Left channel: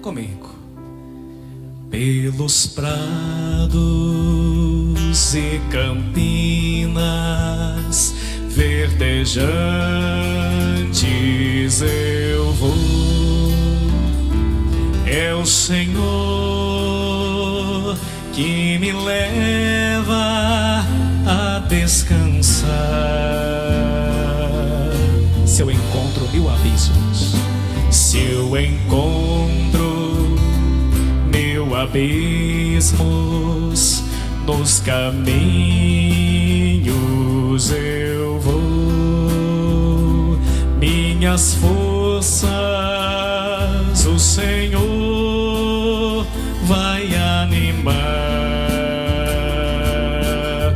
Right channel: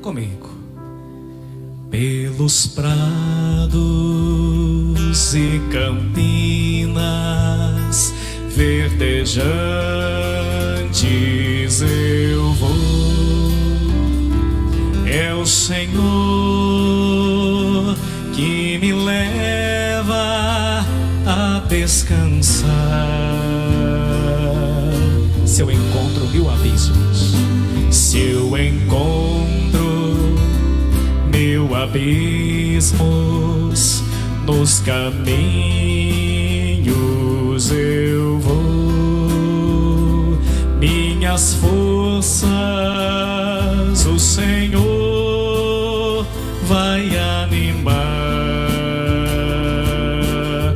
comigo. Pelos prados e campinas verdejantes eu vou. É o Senhor que me leva a descansar. Se eu encontro mil abismos, se eu encontro mil abismos, nos caminhos eu vou. Minhas forças o Senhor vai animar.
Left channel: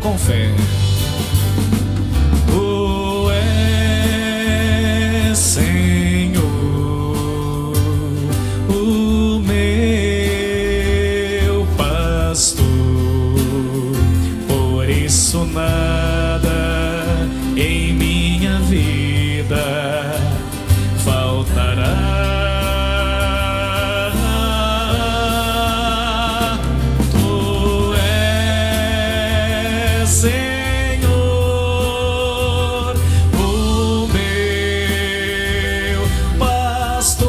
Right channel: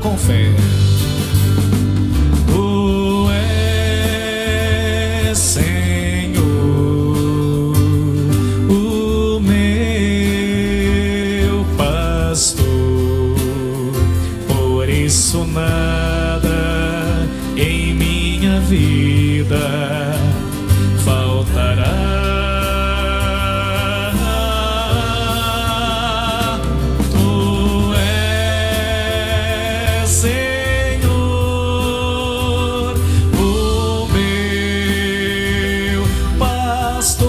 Com fé. Tu és, Senhor, o meu pastor, por isso nada em minha vida faltará. Senhor, o meu pastor,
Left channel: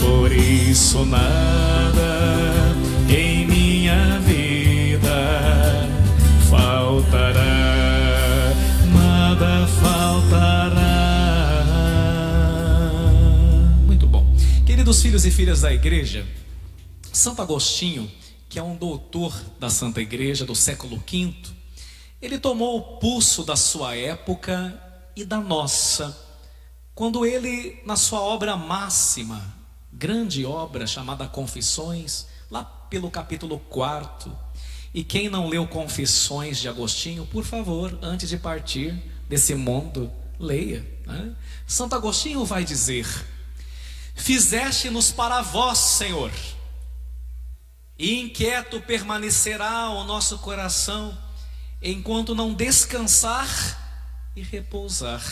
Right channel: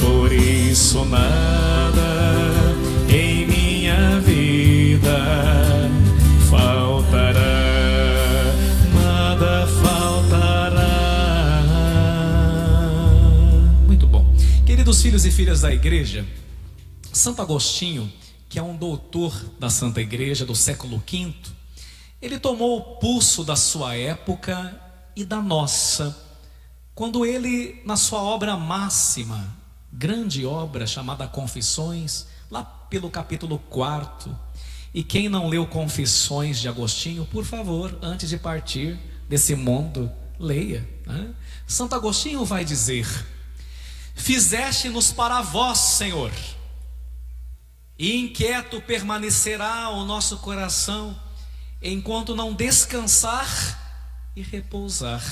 por isso nada em minha vida faltará, nada faltará. Muito bom. Queridos filhos e filhas da igreja, Santo Agostinho, que é um doutor da Santa Igreja do século V, ele tomou o pulso da sua época e da nossa, quando ele, na sua obra máxima, grande obra chamada Confissões, lá pelo capítulo 4, e quem não leu Confissões de Agostinho, por favor, antes de partir desse mundo, leia, né? Santo Agostinho vai dizer: fizeste-nos para vós, Senhor, e inquieto permanecerá o nosso coração, enquanto não descansar e repousar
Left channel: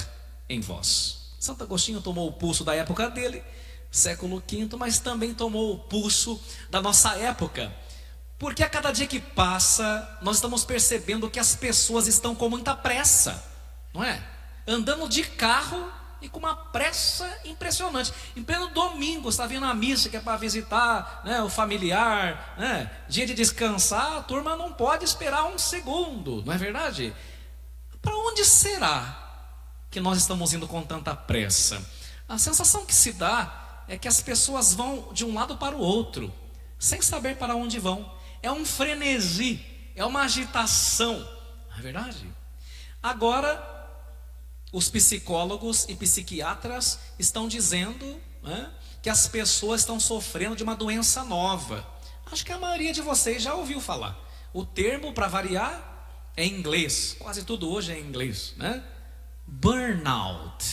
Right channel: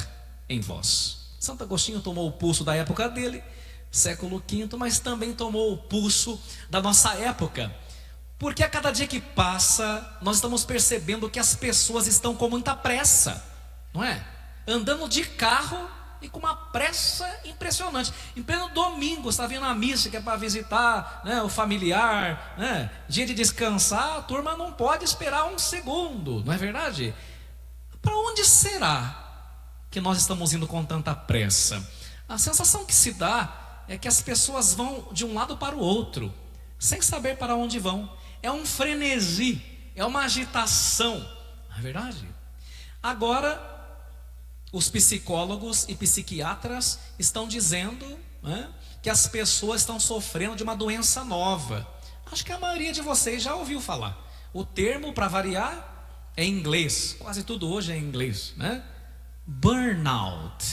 em vós. Santo Agostinho tomou o pulso da época dele, século V, mas também tomou o pulso da nossa época, porque a cada dia que passa, nós estamos percebendo que as pessoas estão com muita pressa, não é? Andando de carro e com uma pressa impressionante. Em pleno domingo, está vindo a missa que é para visitar, né, o familiar, né? Dia de descansar, a turma não pode esperar um segundo, não é verdade? Para onde será que nós estamos indo com tanta pressa? A sensação que se dá é que as pessoas vão de um lado para o outro, sem saber para onde vão. É um frenesi, é uma agitação, não é verdade? Agora, os psicólogos e psiquiatras estão dizendo, né, que as pessoas estão sofrendo de uma doença nova. Acho que a maioria de vocês já ouviu falar. O termo, para variar, é em inglês. Quase tudo hoje é em inglês, né? Burnout.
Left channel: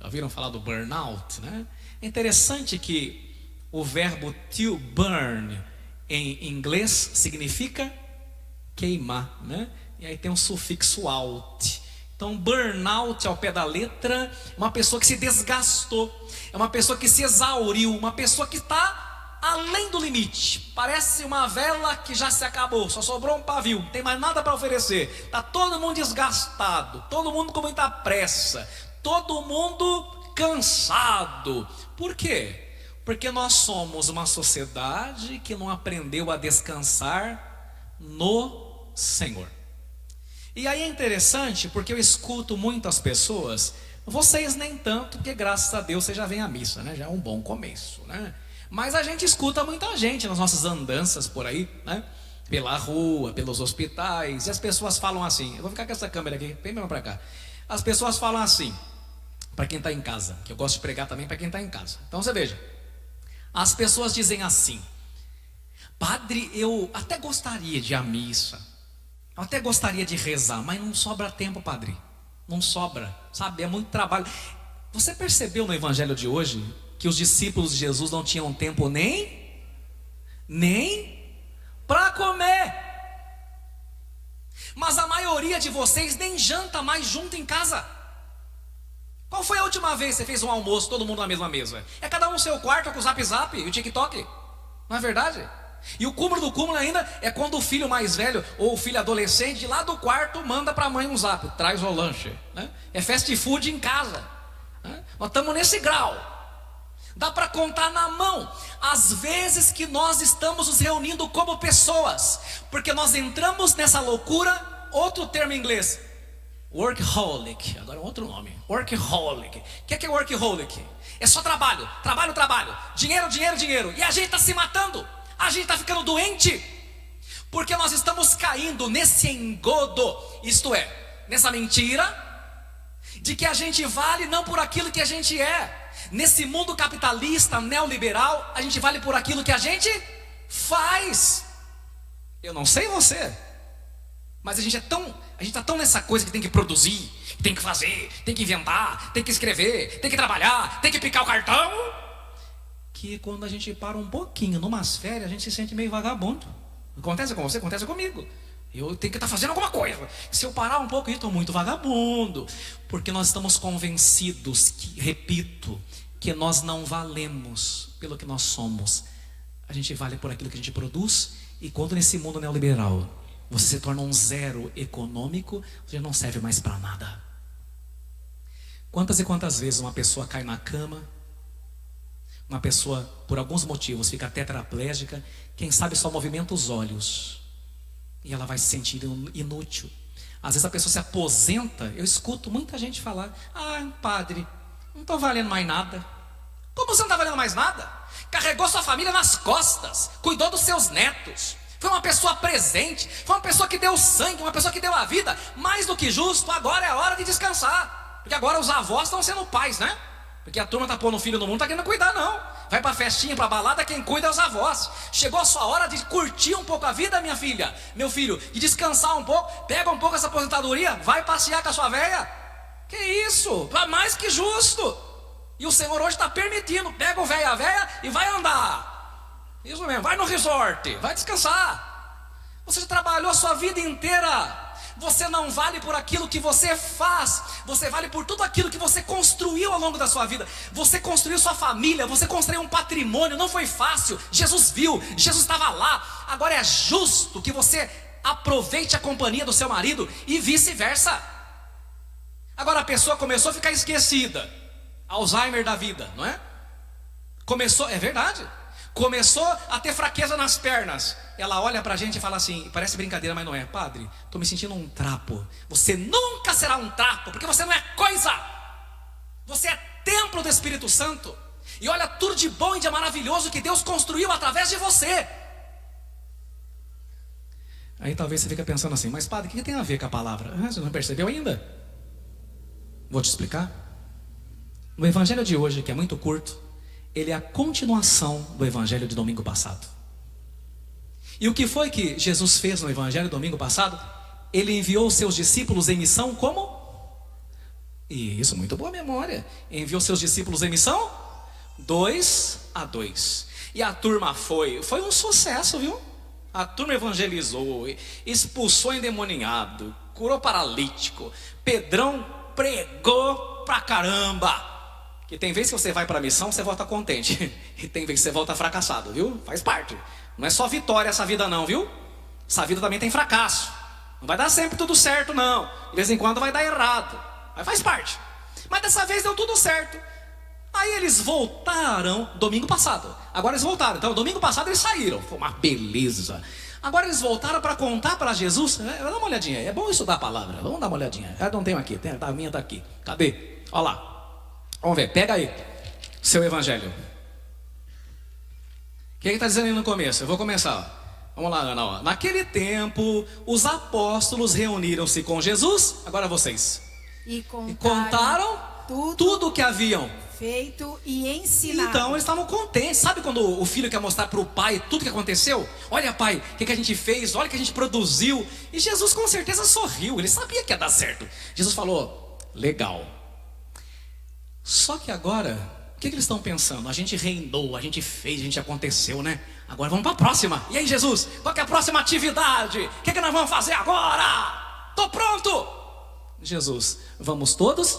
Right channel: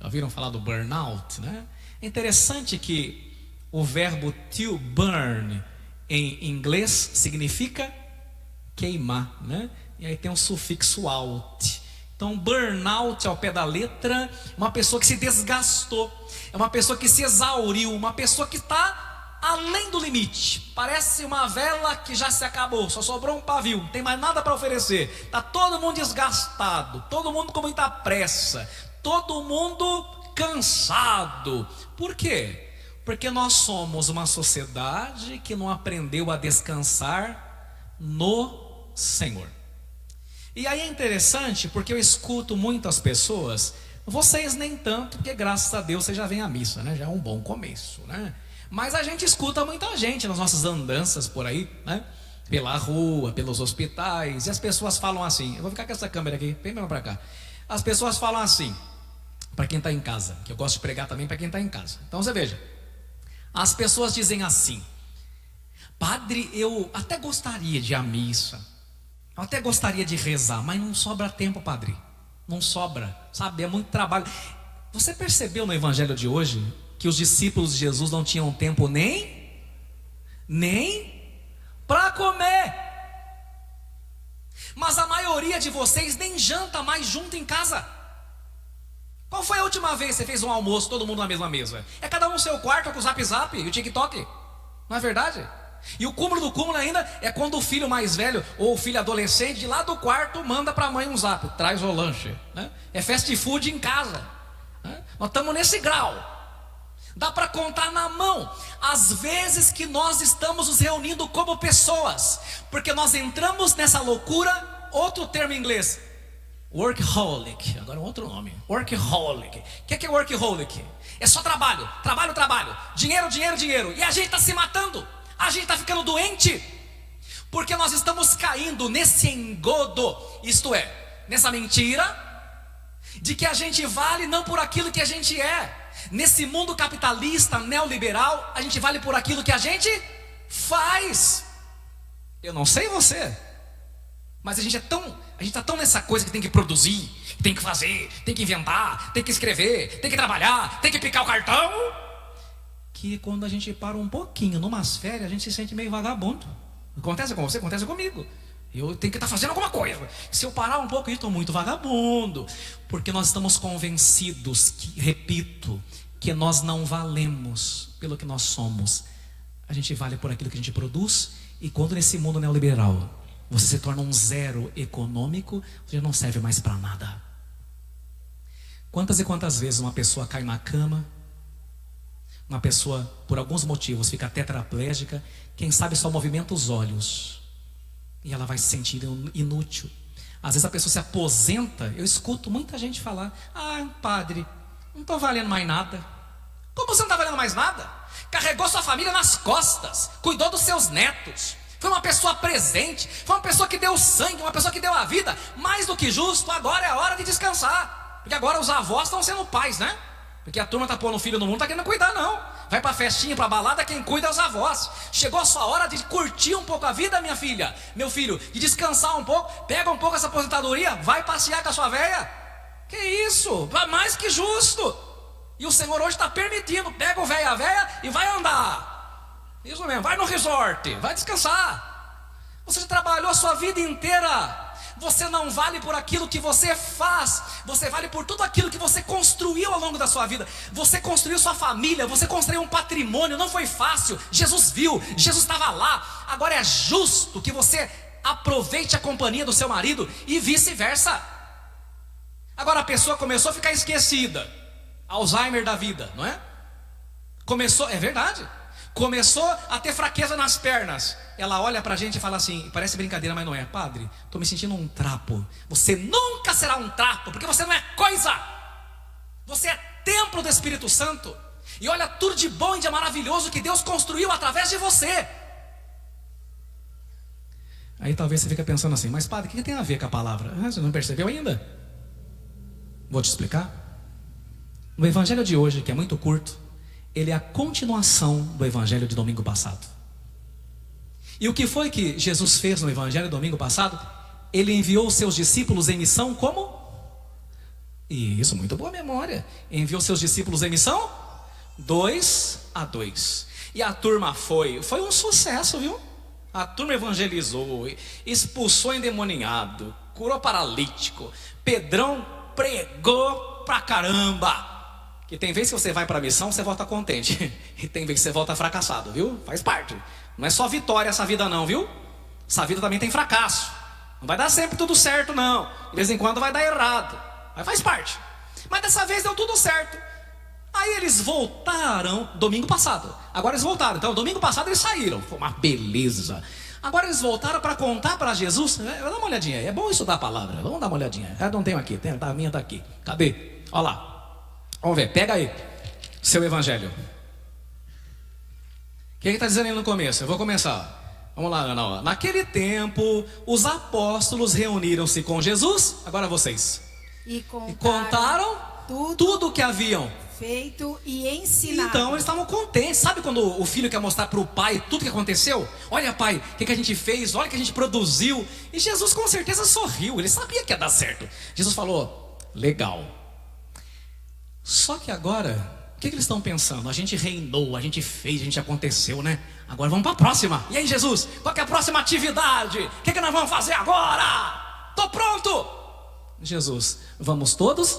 Já ouviram falar do burnout, né? É interessante que o verbo to burn em inglês significa queimar, né? E aí tem um sufixo out. Então, burnout ao pé da letra, uma pessoa que se desgastou, é uma pessoa que se exauriu, uma pessoa que está além do limite. Parece uma vela que já se acabou, só sobrou um pavio, não tem mais nada para oferecer. Está todo mundo desgastado, todo mundo com muita pressa, todo mundo cansado. Por quê? Porque nós somos uma sociedade que não aprendeu a descansar no Senhor. E aí é interessante, porque eu escuto muitas pessoas, vocês nem tanto, porque graças a Deus vocês já vêm à missa, né? Já é um bom começo, né? Mas a gente escuta muita gente nas nossas andanças por aí, né? Pela rua, pelos hospitais, e as pessoas falam assim, eu vou ficar com essa câmera aqui, vem mesmo pra cá. As pessoas falam assim, para quem está em casa, que eu gosto de pregar também para quem está em casa. Então você veja, as pessoas dizem assim: padre, eu até gostaria de ir à missa, eu até gostaria de rezar, mas não sobra tempo, padre. Não sobra, sabe? É muito trabalho. Você percebeu no evangelho de hoje que os discípulos de Jesus não tinham tempo nem para comer? Mas a maioria de vocês nem janta mais junto em casa. Qual foi a última vez que você fez um almoço, todo mundo na mesma mesa? É cada um no seu quarto com o Zap Zap e o TikTok. Não é verdade? E o cúmulo do cúmulo ainda é quando o filho mais velho ou o filho adolescente de lá do quarto manda para a mãe um zap, traz o lanche, né? É fast food em casa, né? Nós estamos nesse grau. Dá para contar na mão as vezes que nós estamos nos reunindo como pessoas, porque nós entramos nessa loucura. Outro termo em inglês, workaholic. Agora outro nome, workaholic. O que é workaholic? É só trabalho, trabalho, trabalho, dinheiro, dinheiro, dinheiro. E a gente está se matando, a gente está ficando doente, porque nós estamos caindo nesse engodo, isto é, nessa mentira de que a gente vale não por aquilo que a gente é. Nesse mundo capitalista, neoliberal, a gente vale por aquilo que a gente faz. Eu não sei você, mas a gente está tão nessa coisa que tem que produzir, tem que fazer, tem que inventar, tem que escrever, tem que trabalhar, tem que picar o cartão, que quando a gente para um pouquinho numas férias, a gente se sente meio vagabundo. Acontece com você, acontece comigo. Eu tenho que estar fazendo alguma coisa. Se eu parar um pouco, eu estou muito vagabundo. Porque nós estamos convencidos que, repito, que nós não valemos pelo que nós somos. A gente vale por aquilo que a gente produz. E quando nesse mundo neoliberal você se torna um zero econômico, você não serve mais para nada. Quantas e quantas vezes uma pessoa cai na cama, uma pessoa por alguns motivos fica tetraplégica, quem sabe só movimenta os olhos e ela vai se sentir inútil. Às vezes a pessoa se aposenta. Eu escuto muita gente falar: ah, padre, não estou valendo mais nada. Como você não está valendo mais nada? Carregou sua família nas costas, cuidou dos seus netos, foi uma pessoa presente, foi uma pessoa que deu sangue, uma pessoa que deu a vida. Mais do que justo, agora é a hora de descansar. Porque agora os avós estão sendo pais, né? Porque a turma está pondo filho no mundo, não está querendo cuidar não. Vai para festinha, para balada, quem cuida é os avós. Chegou a sua hora de curtir um pouco a vida, minha filha, meu filho, de descansar um pouco. Pega um pouco essa aposentadoria, vai passear com a sua velha. Que isso, mais que justo. E o Senhor hoje está permitindo. Pega o velho e a velha e vai andar. Isso mesmo, vai no resort, vai descansar. Você já trabalhou a sua vida inteira. Você não vale por aquilo que você faz. Você vale por tudo aquilo que você construiu ao longo da sua vida. Você construiu sua família, você construiu um patrimônio. Não foi fácil, Jesus viu, Jesus estava lá. Agora é justo que você aproveite a companhia do seu marido e vice-versa. Agora a pessoa começou a ficar esquecida, Alzheimer da vida, não é? Começou, é verdade, começou a ter fraqueza nas pernas. Ela olha pra gente e fala assim, parece brincadeira, mas não é: padre, tô me sentindo um trapo. Você nunca será um trapo, porque você não é coisa. Você é templo do Espírito Santo. E olha tudo de bom e de maravilhoso que Deus construiu através de você. Aí talvez você fique pensando assim: mas padre, o que tem a ver com a palavra? Você não percebeu ainda? Vou te explicar. O evangelho de hoje, que é muito curto, ele é a continuação do evangelho de domingo passado. E o que foi que Jesus fez no evangelho domingo passado? Ele enviou os seus discípulos em missão como? Isso, muito boa memória. Enviou seus discípulos em missão 2 a 2. E a turma foi um sucesso, viu? A turma evangelizou, expulsou endemoniado, curou paralítico. Pedrão pregou pra caramba. E tem vezes que você vai para a missão, você volta contente. E tem vezes que você volta fracassado, viu? Faz parte. Não é só vitória essa vida não, viu? Essa vida também tem fracasso. Não vai dar sempre tudo certo não. De vez em quando vai dar errado. Mas faz parte. Mas dessa vez deu tudo certo. Aí eles voltaram domingo passado. Agora eles voltaram. Então domingo passado eles saíram. Foi uma beleza. Agora eles voltaram para contar para Jesus. Dá uma olhadinha. É bom estudar a palavra. Vamos dar uma olhadinha. Eu não tenho aqui. A minha está aqui. Cadê? Olha lá. Vamos ver, pega aí seu evangelho. O que está dizendo aí no começo? Eu vou começar. Vamos lá, Ana. Ó. Naquele tempo, os apóstolos reuniram-se com Jesus. Agora vocês. E contaram tudo o que haviam feito e ensinado. Então eles estavam contentes. Sabe quando o filho quer mostrar para o pai tudo que aconteceu? Olha, pai, o que a gente fez? Olha o que a gente produziu. E Jesus com certeza sorriu. Ele sabia que ia dar certo. Jesus falou: legal. Só que agora, o que eles estão pensando? A gente reinou, a gente fez, a gente aconteceu, né? Agora vamos para a próxima. E aí, Jesus, qual que é a próxima atividade? O que nós vamos fazer agora? Estou pronto. Jesus, vamos todos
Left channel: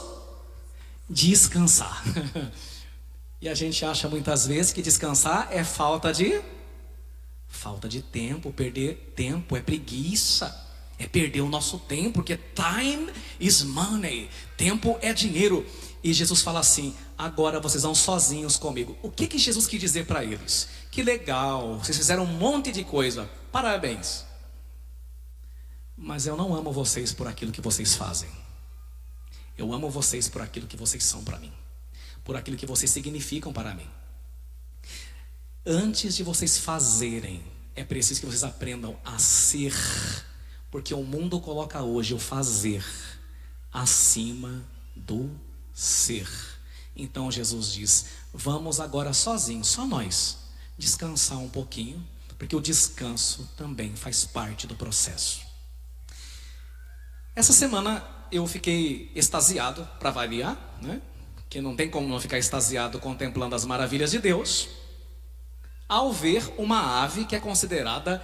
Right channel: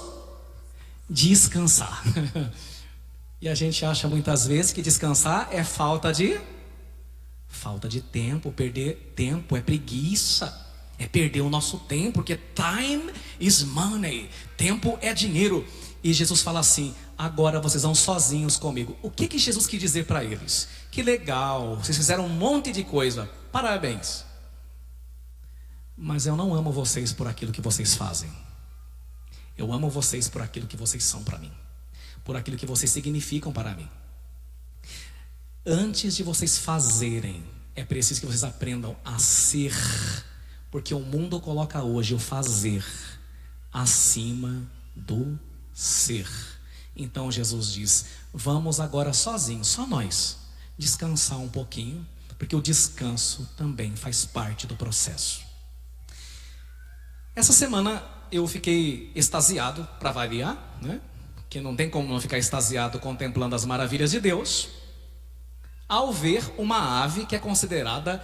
descansar. E a gente acha muitas vezes que descansar é falta de tempo. Perder tempo é preguiça, é perder o nosso tempo, porque time is money, tempo é dinheiro. E Jesus fala assim: agora vocês vão sozinhos comigo. O que Jesus quis dizer para eles? Que legal, vocês fizeram um monte de coisa, parabéns, mas eu não amo vocês por aquilo que vocês fazem. Eu amo vocês por aquilo que vocês são para mim, por aquilo que vocês significam para mim. Antes de vocês fazerem, é preciso que vocês aprendam a ser, porque o mundo coloca hoje o fazer acima do ser. Então Jesus diz: vamos agora sozinhos, só nós, descansar um pouquinho, porque o descanso também faz parte do processo. Essa semana eu fiquei extasiado, para variar, né? Que não tem como não ficar extasiado contemplando as maravilhas de Deus, ao ver uma ave que é considerada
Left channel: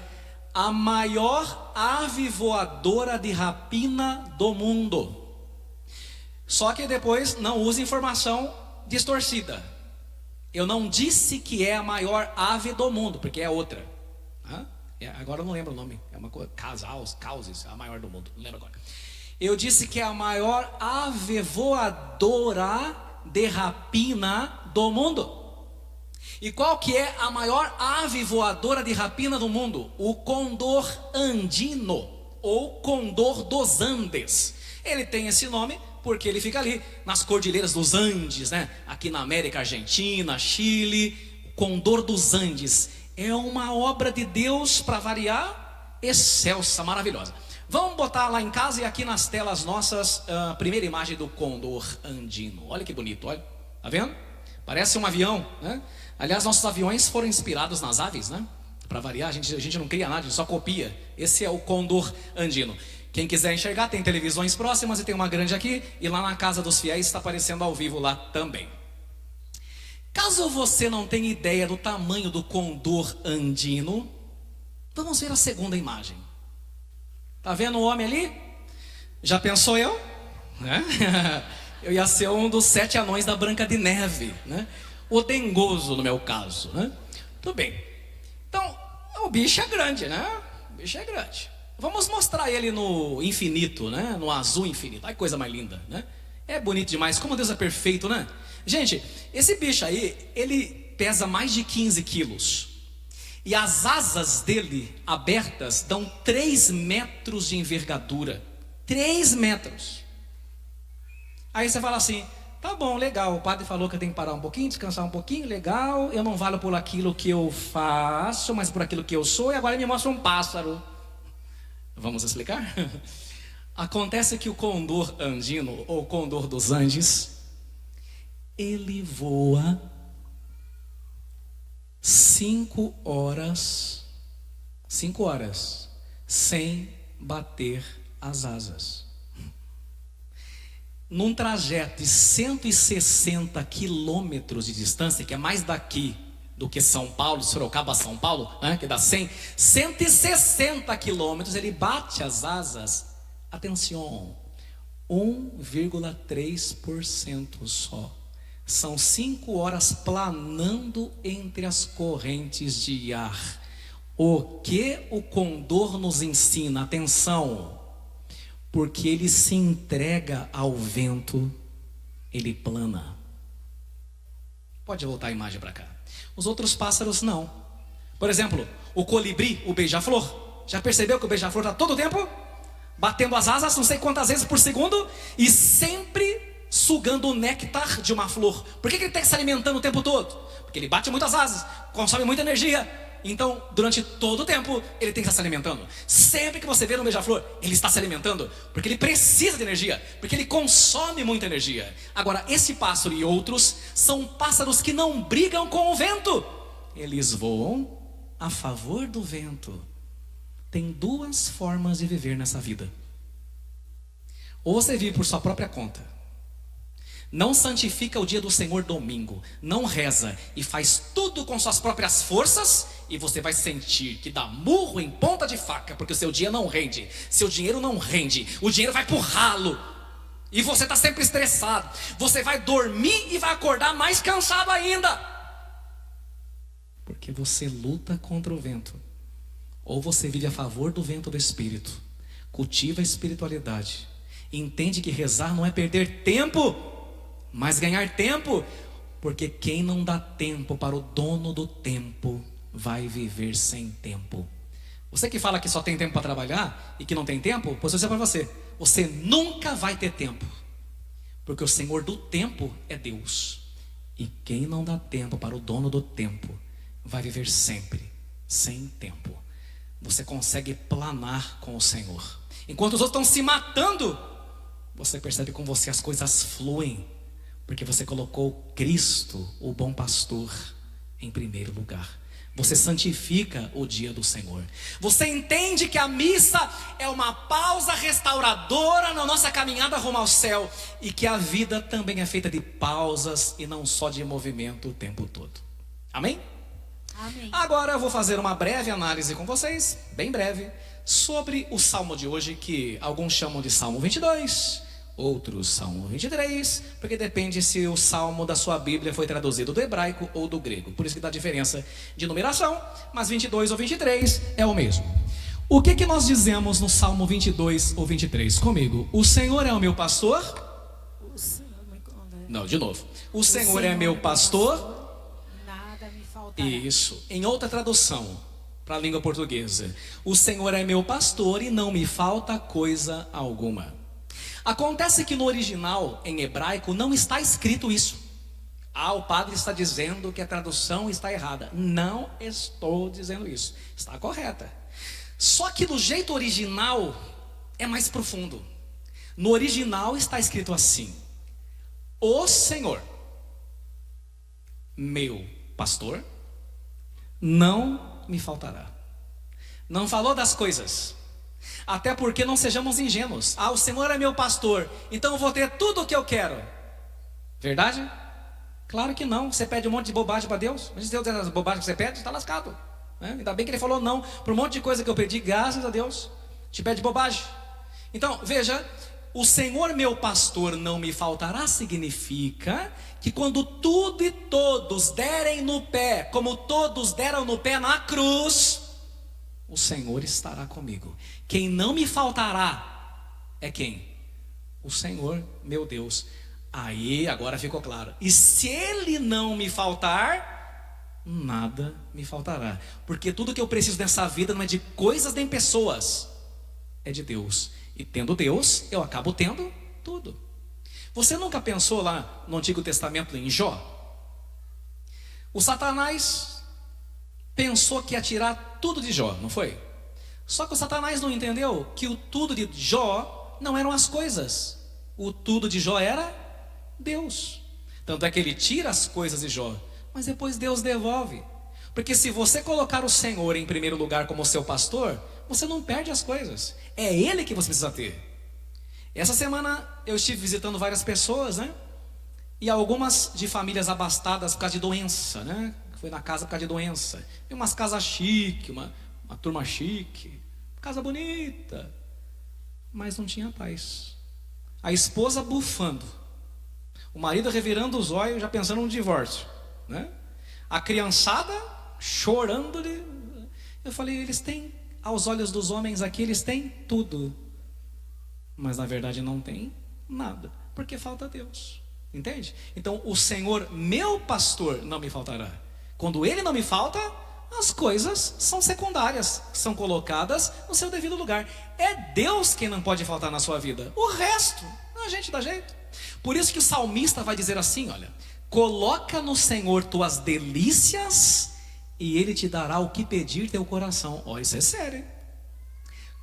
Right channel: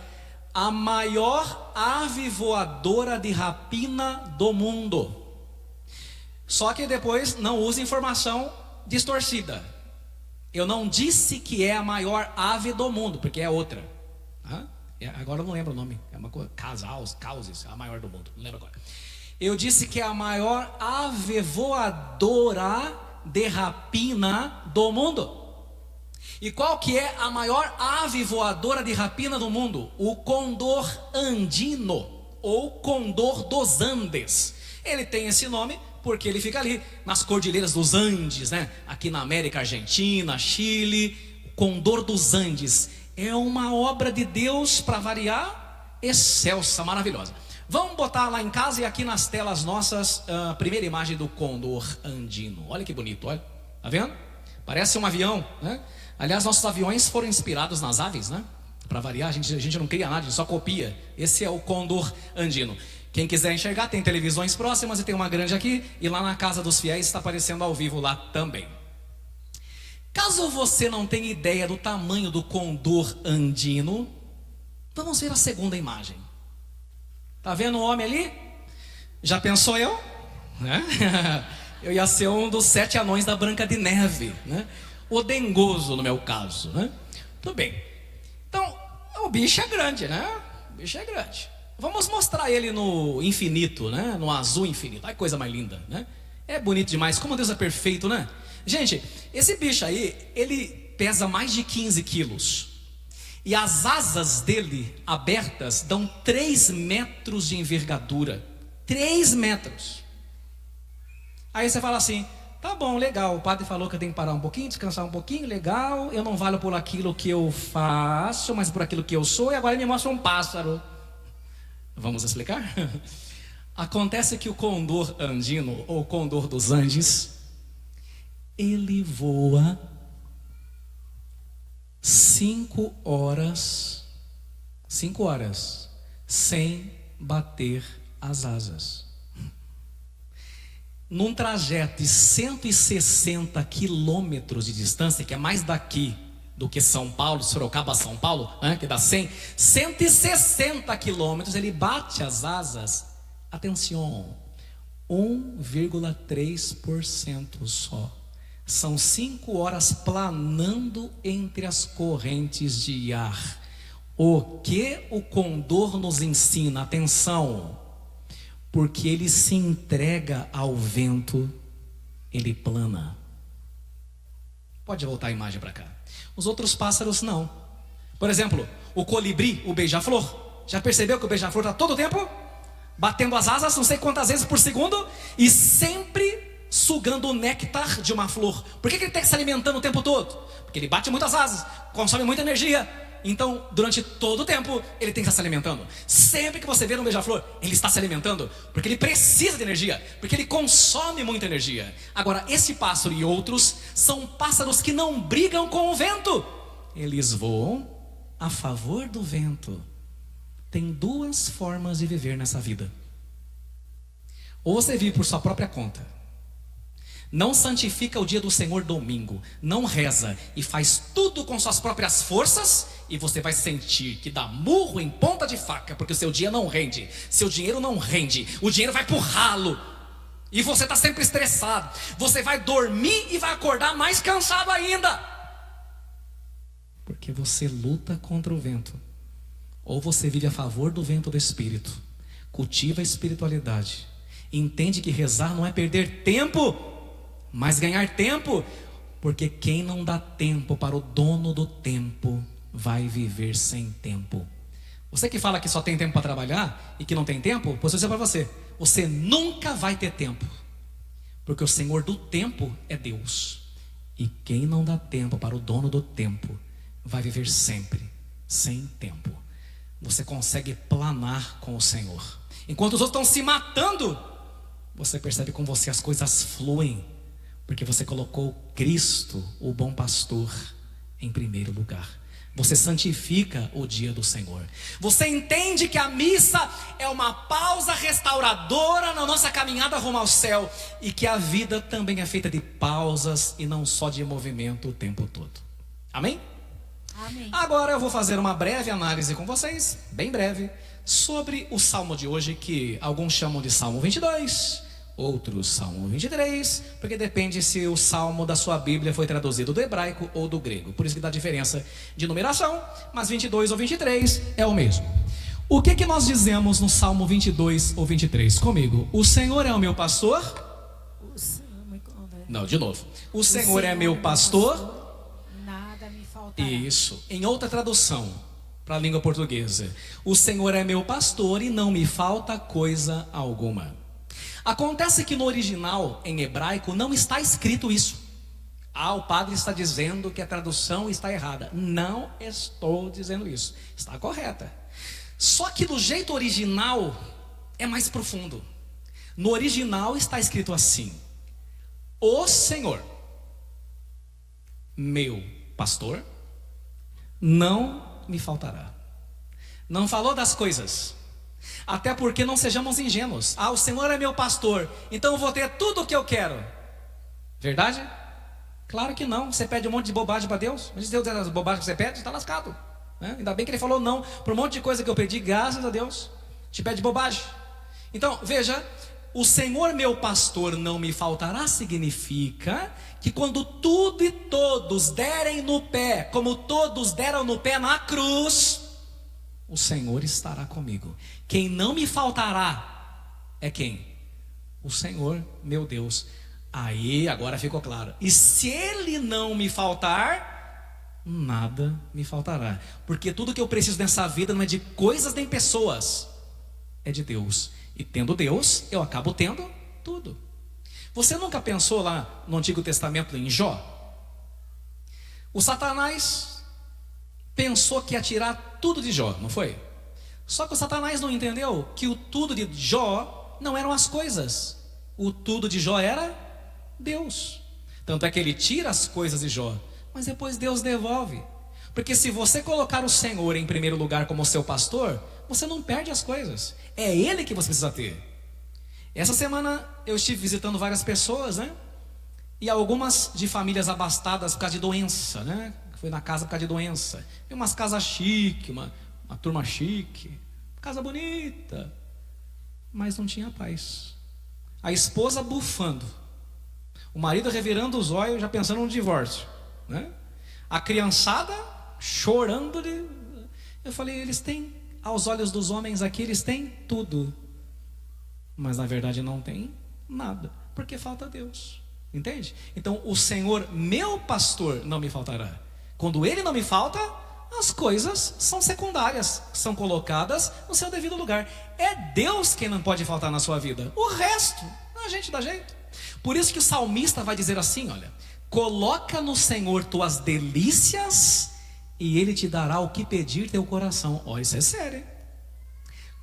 a maior ave voadora de rapina do mundo. Só que depois não use informação distorcida. Eu não disse que é a maior ave do mundo, porque é outra. Agora eu não lembro o nome. É uma coisa, Causes, a maior do mundo. Não lembro agora. Eu disse que é a maior ave voadora de rapina do mundo. E qual que é a maior ave voadora de rapina do mundo? O condor andino, ou condor dos Andes. Ele tem esse nome porque ele fica ali nas cordilheiras dos Andes, né? Aqui na América Argentina, Chile. O condor dos Andes é uma obra de Deus, para variar, excelsa, maravilhosa. Vamos botar lá em casa e aqui nas telas nossas a primeira imagem do condor andino. Olha que bonito, olha. Tá vendo? Parece um avião, né? Aliás, nossos aviões foram inspirados nas aves, né? Para variar, a gente não cria nada, a gente só copia. Esse é o condor andino. Quem quiser enxergar, tem televisões próximas e tem uma grande aqui. E lá na Casa dos Fiéis está aparecendo ao vivo lá também. Caso você não tenha ideia do tamanho do condor andino, vamos ver a segunda imagem. Tá vendo o homem ali? Já pensou eu? Né? Eu ia ser um dos 7 anões da Branca de Neve, né? O dengoso no meu caso, né? Tudo bem. Então, o bicho é grande, né? O bicho é grande. Vamos mostrar ele no infinito, né? No azul infinito. Ai, coisa mais linda, né? É bonito demais. Como Deus é perfeito, né? Gente, esse bicho aí, ele pesa mais de 15 quilos. E as asas dele abertas dão 3 metros de envergadura. 3 metros. Aí você fala assim: tá bom, legal, o padre falou que eu tenho que parar um pouquinho, descansar um pouquinho, legal. Eu não valho por aquilo que eu faço, mas por aquilo que eu sou. E agora ele me mostra um pássaro. Vamos explicar? Acontece que o condor andino, ou condor dos Andes, ele voa 5 horas sem bater as asas. Num trajeto de 160 quilômetros de distância, que é mais daqui do que São Paulo, Sorocaba a São Paulo, que dá 160 quilômetros, ele bate as asas, atenção, 1,3% só. São 5 horas planando entre as correntes de ar. O que o condor nos ensina? Atenção, porque ele se entrega ao vento, ele plana. Pode voltar a imagem para cá. Os outros pássaros não. Por exemplo, o colibri, o beija-flor. Já percebeu que o beija-flor está todo o tempo batendo as asas, não sei quantas vezes por segundo, e sempre sugando o néctar de uma flor. Por que ele tem que se alimentando o tempo todo? Porque ele bate muitas asas, consome muita energia. Então, durante todo o tempo, ele tem que estar se alimentando. Sempre que você vê um beija-flor, ele está se alimentando, porque ele precisa de energia, porque ele consome muita energia. Agora, esse pássaro e outros são pássaros que não brigam com o vento. Eles voam a favor do vento. Tem 2 formas de viver nessa vida. Ou você vive por sua própria conta, não santifica o dia do Senhor domingo, não reza e faz tudo com suas próprias forças, e você vai sentir que dá murro em ponta de faca, porque o seu dia não rende, seu dinheiro não rende, o dinheiro vai pro ralo, E você está sempre estressado. Você vai dormir e vai acordar mais cansado ainda. Porque você luta contra o vento. Ou você vive a favor do vento do Espírito, cultiva a espiritualidade, entende que rezar não é perder tempo, mas ganhar tempo. Porque quem não dá tempo para o dono do tempo vai viver sem tempo. Você que fala que só tem tempo para trabalhar e que não tem tempo, pois eu sei para você, você nunca vai ter tempo. Porque o Senhor do tempo é Deus. E quem não dá tempo para o dono do tempo vai viver sempre sem tempo. Você consegue planar com o Senhor. Enquanto os outros estão se matando, você percebe com você as coisas fluem. Porque você colocou Cristo, o bom pastor, em primeiro lugar. Você santifica o dia do Senhor. Você entende que a missa é uma pausa restauradora na nossa caminhada rumo ao céu. E que a vida também é feita de pausas e não só de movimento o tempo todo. Amém? Amém. Agora eu vou fazer uma breve análise com vocês, bem breve, sobre o salmo de hoje, que alguns chamam de Salmo 22, outros Salmo 23, porque depende se o salmo da sua Bíblia foi traduzido do hebraico ou do grego. Por isso que dá diferença de numeração, mas 22 ou 23 é o mesmo. O que nós dizemos no Salmo 22 ou 23? Comigo, o Senhor é o meu pastor. Não, de novo. O Senhor é meu pastor. Isso, em outra tradução para a língua portuguesa, o Senhor é meu pastor e não me falta coisa alguma. Acontece que no original, em hebraico, não está escrito isso. O padre está dizendo que a tradução está errada. Não estou dizendo isso, está correta. Só que do jeito original é mais profundo. No original está escrito assim: o Senhor, meu pastor, não me faltará. Não falou das coisas. Até porque não sejamos ingênuos. O Senhor é meu pastor, então eu vou ter tudo o que eu quero. Verdade? Claro que não. Você pede um monte de bobagem para Deus. Mas se Deus der as bobagens que você pede, está lascado, né? Ainda bem que Ele falou não para um monte de coisa que eu pedi, graças a Deus. Te pede bobagem. Então, veja, o Senhor meu pastor não me faltará significa que quando tudo e todos derem no pé, como todos deram no pé na cruz, o Senhor estará comigo. Quem não me faltará é quem? O Senhor, meu Deus. Aí, agora ficou claro. E se Ele não me faltar, nada me faltará. Porque tudo que eu preciso nessa vida não é de coisas nem pessoas, é de Deus. E tendo Deus, eu acabo tendo tudo. Você nunca pensou lá no Antigo Testamento em Jó? O Satanás pensou que ia tirar tudo de Jó, não foi? Só que o Satanás não entendeu que o tudo de Jó não eram as coisas. O tudo de Jó era Deus. Tanto é que ele tira as coisas de Jó, mas depois Deus devolve. Porque se você colocar o Senhor em primeiro lugar como seu pastor, você não perde as coisas. É Ele que você precisa ter. Essa semana eu estive visitando várias pessoas, né? E algumas de famílias abastadas por causa de doença, né? Fui na casa por causa de doença. E umas casas chique, uma turma chique, casa bonita, mas não tinha paz. A esposa bufando, o marido revirando os olhos, já pensando no divórcio, né? A criançada chorando. Eu falei, eles têm, aos olhos dos homens aqui, eles têm tudo, mas na verdade não tem nada, porque falta Deus, entende? Então o Senhor, meu pastor, não me faltará. Quando Ele não me falta, as coisas são secundárias, são colocadas no seu devido lugar. É Deus quem não pode faltar na sua vida. O resto, a gente dá jeito. Por isso que o salmista vai dizer assim, olha: coloca no Senhor tuas delícias e Ele te dará o que pedir teu coração. Ó, isso é sério, hein?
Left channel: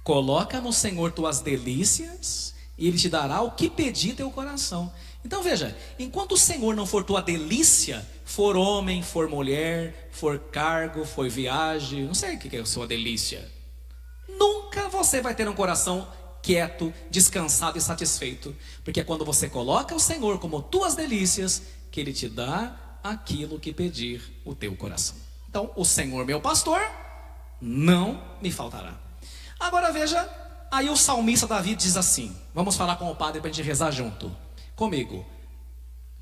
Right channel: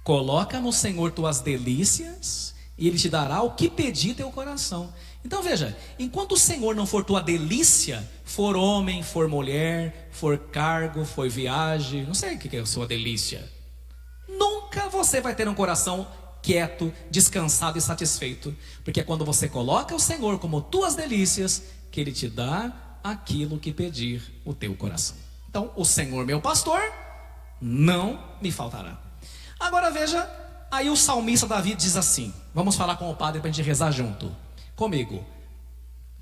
Coloca no Senhor tuas delícias e Ele te dará o que pedir teu coração. Então veja, enquanto o Senhor não for tua delícia, for homem, for mulher, for cargo, for viagem, não sei o que é a sua delícia, nunca você vai ter um coração quieto, descansado e satisfeito. Porque é quando você coloca o Senhor como tuas delícias que Ele te dá aquilo que pedir o teu coração. Então, o Senhor meu pastor não me faltará. Agora veja Aí o salmista Davi diz assim, vamos falar com o padre para a gente rezar junto, comigo.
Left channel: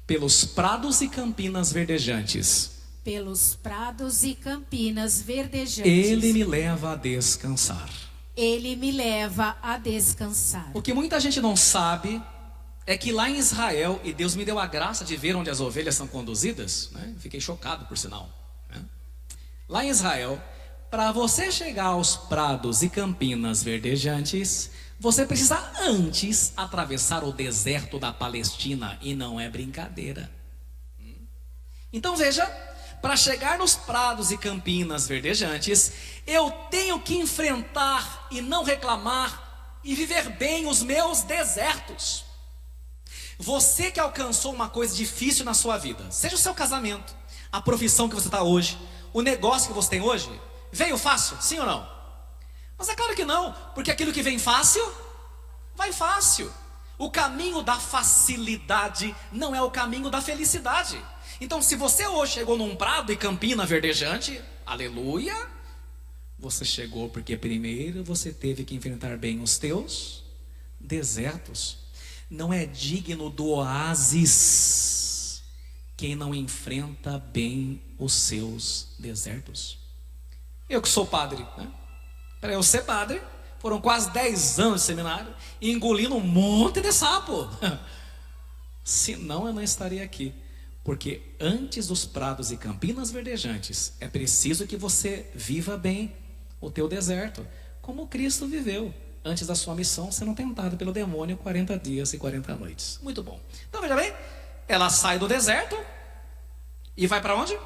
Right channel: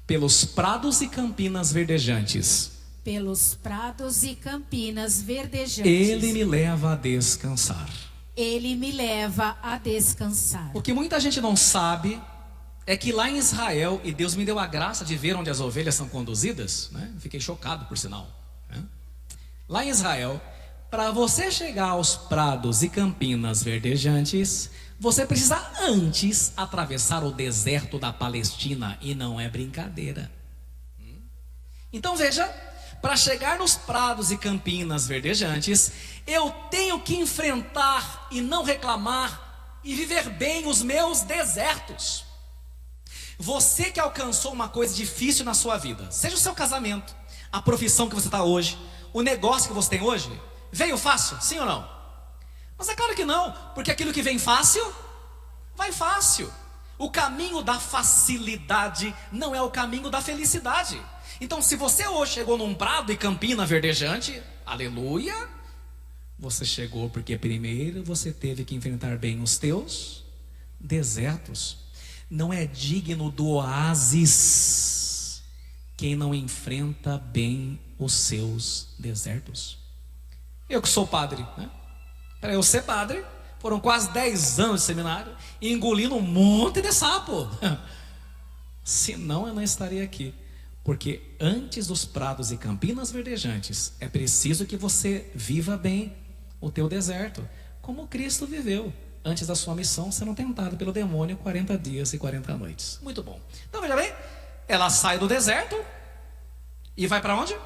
Pelos prados e campinas verdejantes, pelos prados e campinas verdejantes, Ele me leva a descansar. Ele me leva a descansar. O que muita gente não sabe é que lá em Israel, e Deus me deu a graça de ver onde as ovelhas são conduzidas, né? Fiquei chocado por sinal, né? Lá em Israel, para você chegar aos prados e campinas verdejantes, você precisa antes atravessar o deserto da Palestina, e não é brincadeira. Então veja, para chegar nos prados e campinas verdejantes, eu tenho que enfrentar e não reclamar e viver bem os meus desertos. Você que alcançou uma coisa difícil na sua vida, seja o seu casamento, a profissão que você está hoje, o negócio que você tem hoje, veio fácil, sim ou não? Mas é claro que não, porque aquilo que vem fácil, vai fácil. O caminho da facilidade não é o caminho da felicidade. Então, se você hoje chegou num prado e campina verdejante, aleluia, você chegou porque primeiro você teve que enfrentar bem os teus desertos. Não é digno do oásis quem não enfrenta bem os seus desertos. Eu que sou padre, né? Para eu ser padre, foram quase 10 anos de seminário, engolindo um monte de sapo. Senão eu não estaria aqui. Porque antes dos prados e campinas verdejantes, é preciso que você viva bem o teu deserto, como Cristo viveu antes da sua missão, sendo tentado pelo demônio 40 dias e 40 noites. Muito bom. Então veja bem, ela sai do deserto e vai para onde?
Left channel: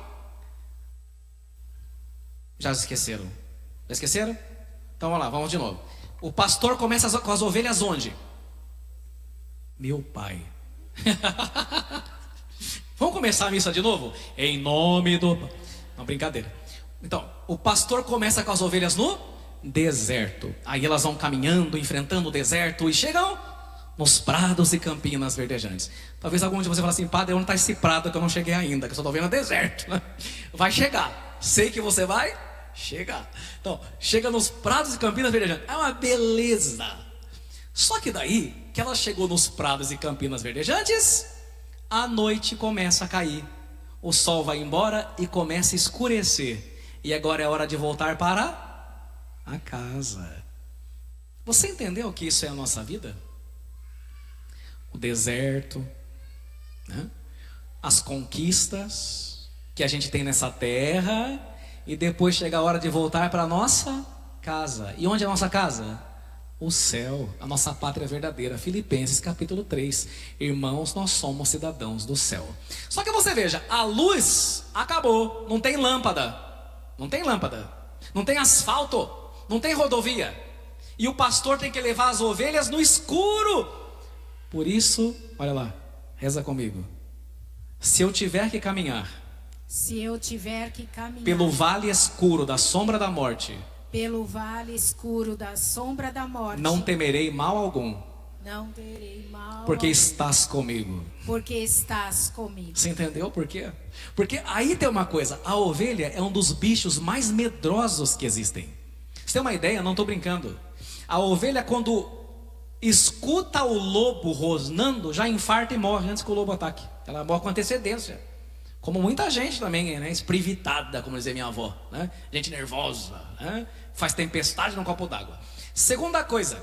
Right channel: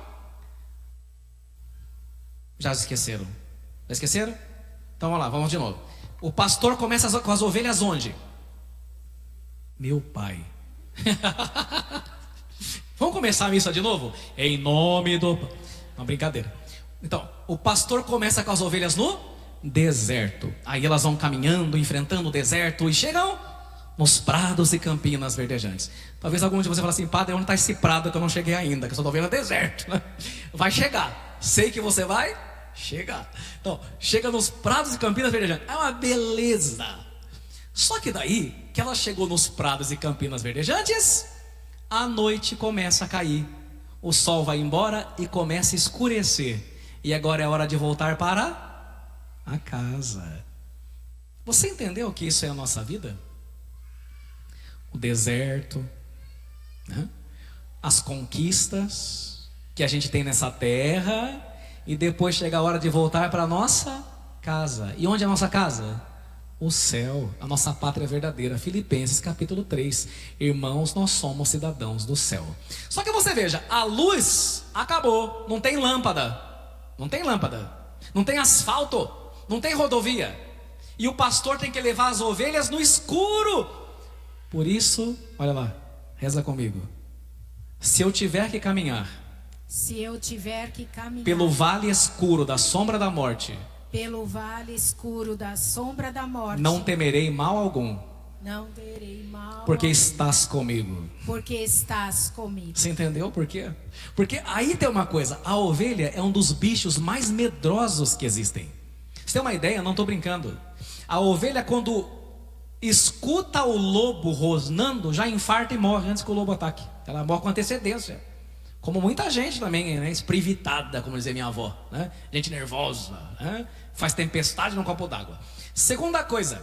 Já esqueceram? Já esqueceram? Então vamos lá, vamos de novo. O pastor começa com as ovelhas onde? Meu pai. Vamos começar a missa de novo? Em nome do... Não, brincadeira. Então, o pastor começa com as ovelhas no deserto. Aí elas vão caminhando, enfrentando o deserto e chegam nos prados e campinas verdejantes. Talvez algum de vocês fale assim, padre, onde está esse prado que eu não cheguei ainda, que eu só estou vendo deserto. Vai chegar. Sei que você vai chegar. Então, chega nos prados e campinas verdejantes. É uma beleza. Só que daí, que ela chegou nos prados e campinas verdejantes, a noite começa a cair. O sol vai embora e começa a escurecer. E agora é hora de voltar para a casa. Você entendeu que isso é a nossa vida? O deserto, né? As conquistas que a gente tem nessa terra, e depois chega a hora de voltar para a nossa casa. E onde é a nossa casa? O céu, a nossa pátria verdadeira. Filipenses capítulo 3. Irmãos, nós somos cidadãos do céu. Só que você veja, a luz acabou. Não tem lâmpada. Não tem lâmpada. Não tem asfalto. Não tem rodovia. E o pastor tem que levar as ovelhas no escuro. Por isso, olha lá, reza comigo. Se eu tiver que caminhar pelo vale escuro da sombra da morte, pelo vale escuro da sombra da morte, não temerei mal algum, não terei mal porque algum, estás comigo. Porque estás comigo. Você entendeu por quê? Porque aí tem uma coisa, a ovelha é um dos bichos mais medrosos que existem. Você tem uma ideia? Não estou brincando. A ovelha, quando escuta o lobo rosnando, já infarta e morre antes que o lobo ataque. Ela morre com antecedência. Como muita gente também, né? Esprivitada, como dizia minha avó, né? Gente nervosa, né? Faz tempestade num copo d'água. Segunda coisa,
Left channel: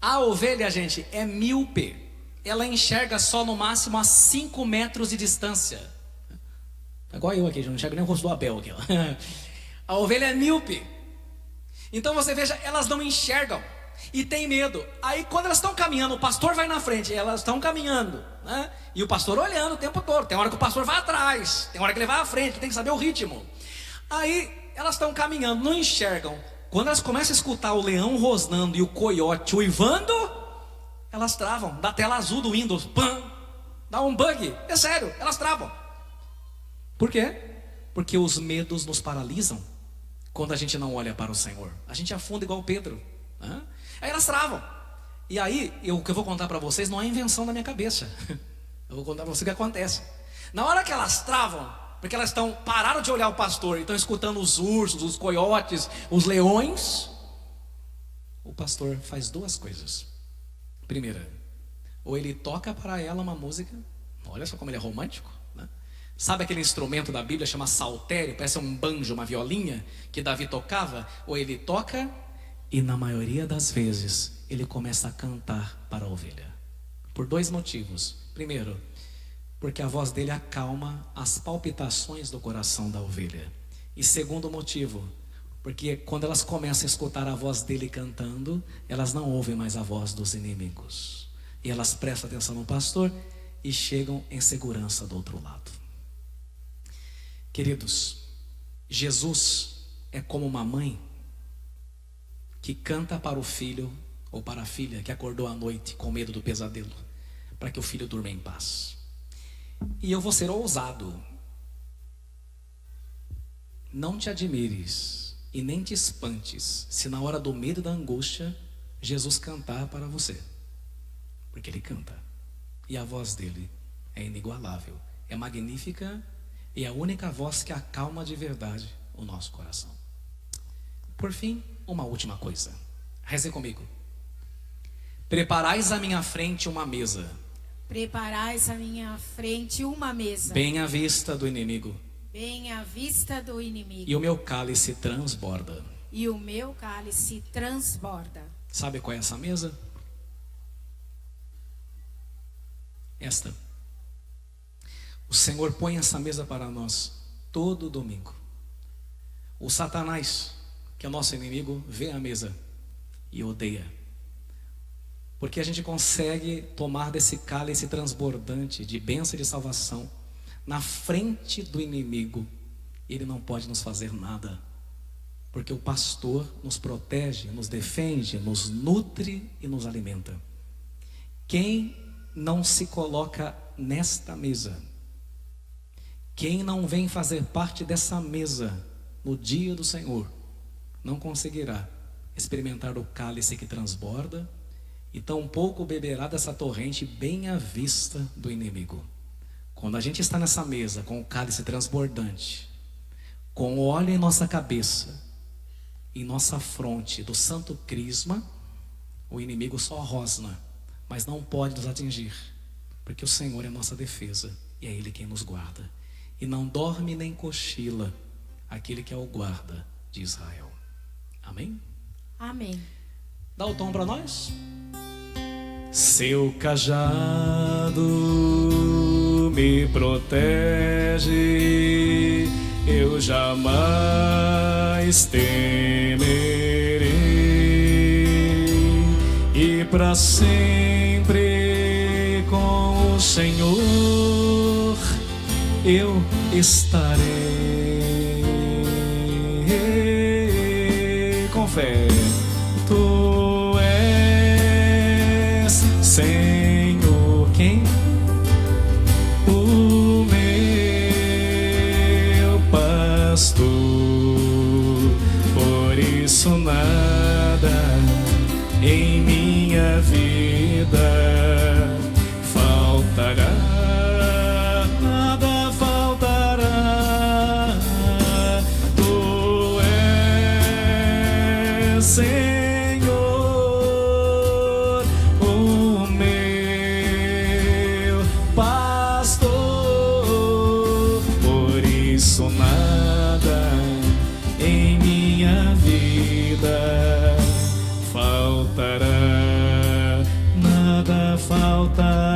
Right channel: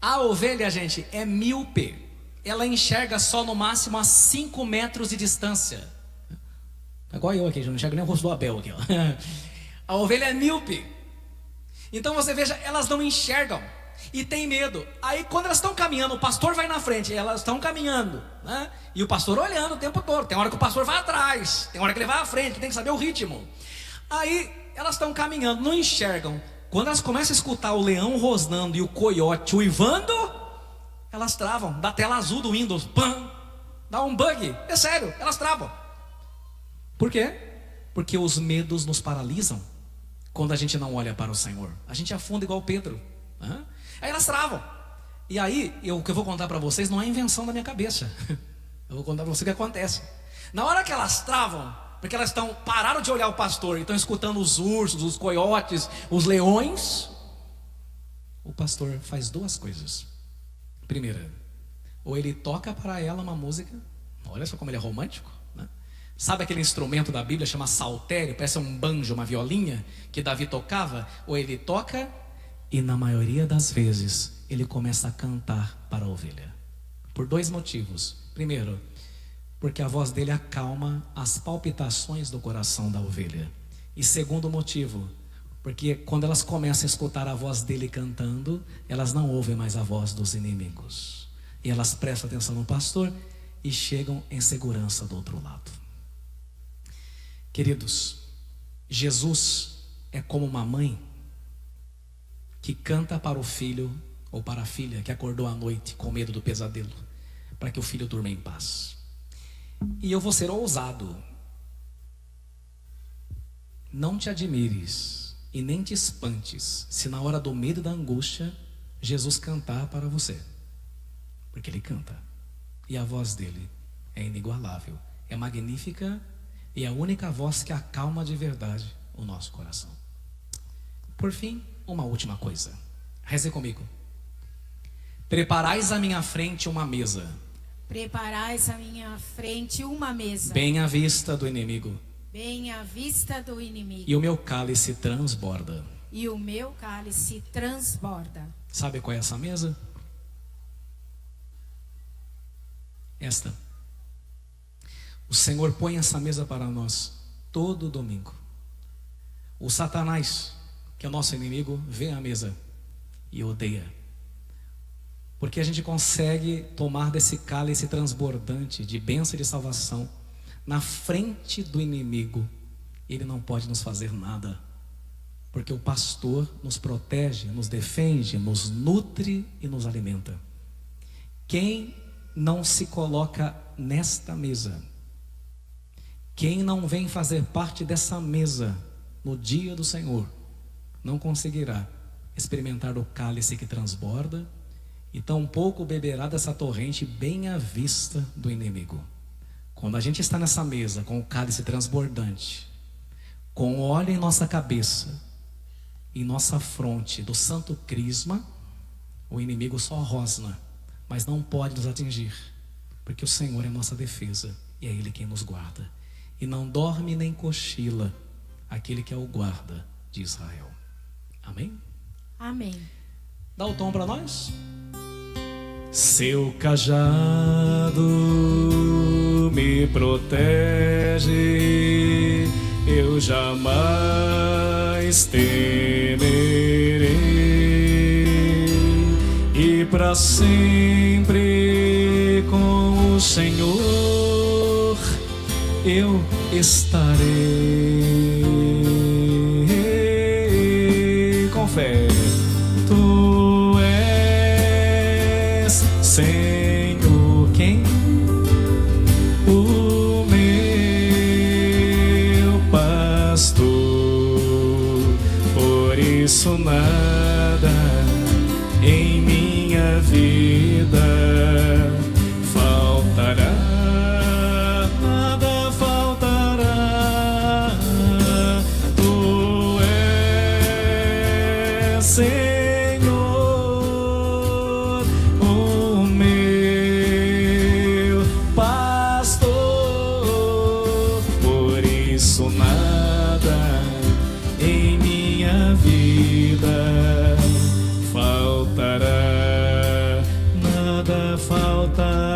a ovelha, gente, é míope. Ela enxerga só no máximo a 5 metros de distância. Igual eu aqui, já não enxergo nem o rosto do Abel aqui, ó. A ovelha é míope. Então você veja, elas não enxergam e tem medo. Aí quando elas estão caminhando, o pastor vai na frente, elas estão caminhando, né? E o pastor olhando o tempo todo. Tem hora que o pastor vai atrás, tem hora que ele vai à frente, tem que saber o ritmo. Aí elas estão caminhando, não enxergam. Quando elas começam a escutar o leão rosnando e o coiote uivando, elas travam. Da tela azul do Windows, pam, dá um bug. É sério, elas travam. Por quê? Porque os medos nos paralisam. Quando a gente não olha para o Senhor, a gente afunda igual Pedro, né? Aí elas travam. E aí, o que eu vou contar para vocês não é invenção da minha cabeça. Eu vou contar para vocês o que acontece. Na hora que elas travam, porque elas pararam de olhar o pastor e estão escutando os ursos, os coiotes, os leões, o pastor faz duas coisas. Primeira, ou ele toca para ela uma música, olha só como ele é romântico, né? Sabe aquele instrumento da Bíblia chama saltério, parece um banjo, uma violinha que Davi tocava? Ou ele toca e na maioria das vezes ele começa a cantar para a ovelha. Por dois motivos. Primeiro, porque a voz dele acalma as palpitações do coração da ovelha. E segundo motivo, porque quando elas começam a escutar a voz dele cantando, elas não ouvem mais a voz dos inimigos. E elas prestam atenção no pastor e chegam em segurança do outro lado. Queridos, Jesus é como uma mãe que canta para o filho ou para a filha que acordou à noite com medo do pesadelo, para que o filho durma em paz. E eu vou ser ousado. Não te admires e nem te espantes se na hora do medo e da angústia Jesus cantar para você, porque ele canta e a voz dele é inigualável, é magnífica e é a única voz que acalma de verdade o nosso coração. Por fim, uma última coisa, reze comigo. Preparais à minha frente uma mesa, Preparais à minha frente uma mesa, bem à vista do inimigo, bem à vista do inimigo, e o meu cálice transborda. e o meu cálice transborda. Sabe qual é essa mesa? Esta. O Senhor põe essa mesa para nós todo domingo. O Satanás, que é o nosso inimigo, vê a mesa e odeia. Porque a gente consegue tomar desse cálice transbordante de bênção e de salvação na frente do inimigo. Ele não pode nos fazer nada, porque o pastor nos protege, nos defende, nos nutre e nos alimenta. Quem não se coloca nesta mesa, quem não vem fazer parte dessa mesa no dia do Senhor, não conseguirá experimentar o cálice que transborda e tampouco beberá dessa torrente bem à vista do inimigo. Quando a gente está nessa mesa com o cálice transbordante, com o óleo em nossa cabeça, em nossa fronte do santo crisma, o inimigo só rosna, mas não pode nos atingir, porque o Senhor é nossa defesa e é Ele quem nos guarda. E não dorme nem cochila aquele que é o guarda de Israel. Amém? Amém. Dá o tom para nós. Seu cajado me protege, eu jamais temerei, e para sempre com o Senhor eu estarei. Com fé. Tu és Senhor, quem? O meu pastor, por isso nada em minha vida faltará, nada faltará. Tu és Senhor, nada em minha vida faltará, nada faltará.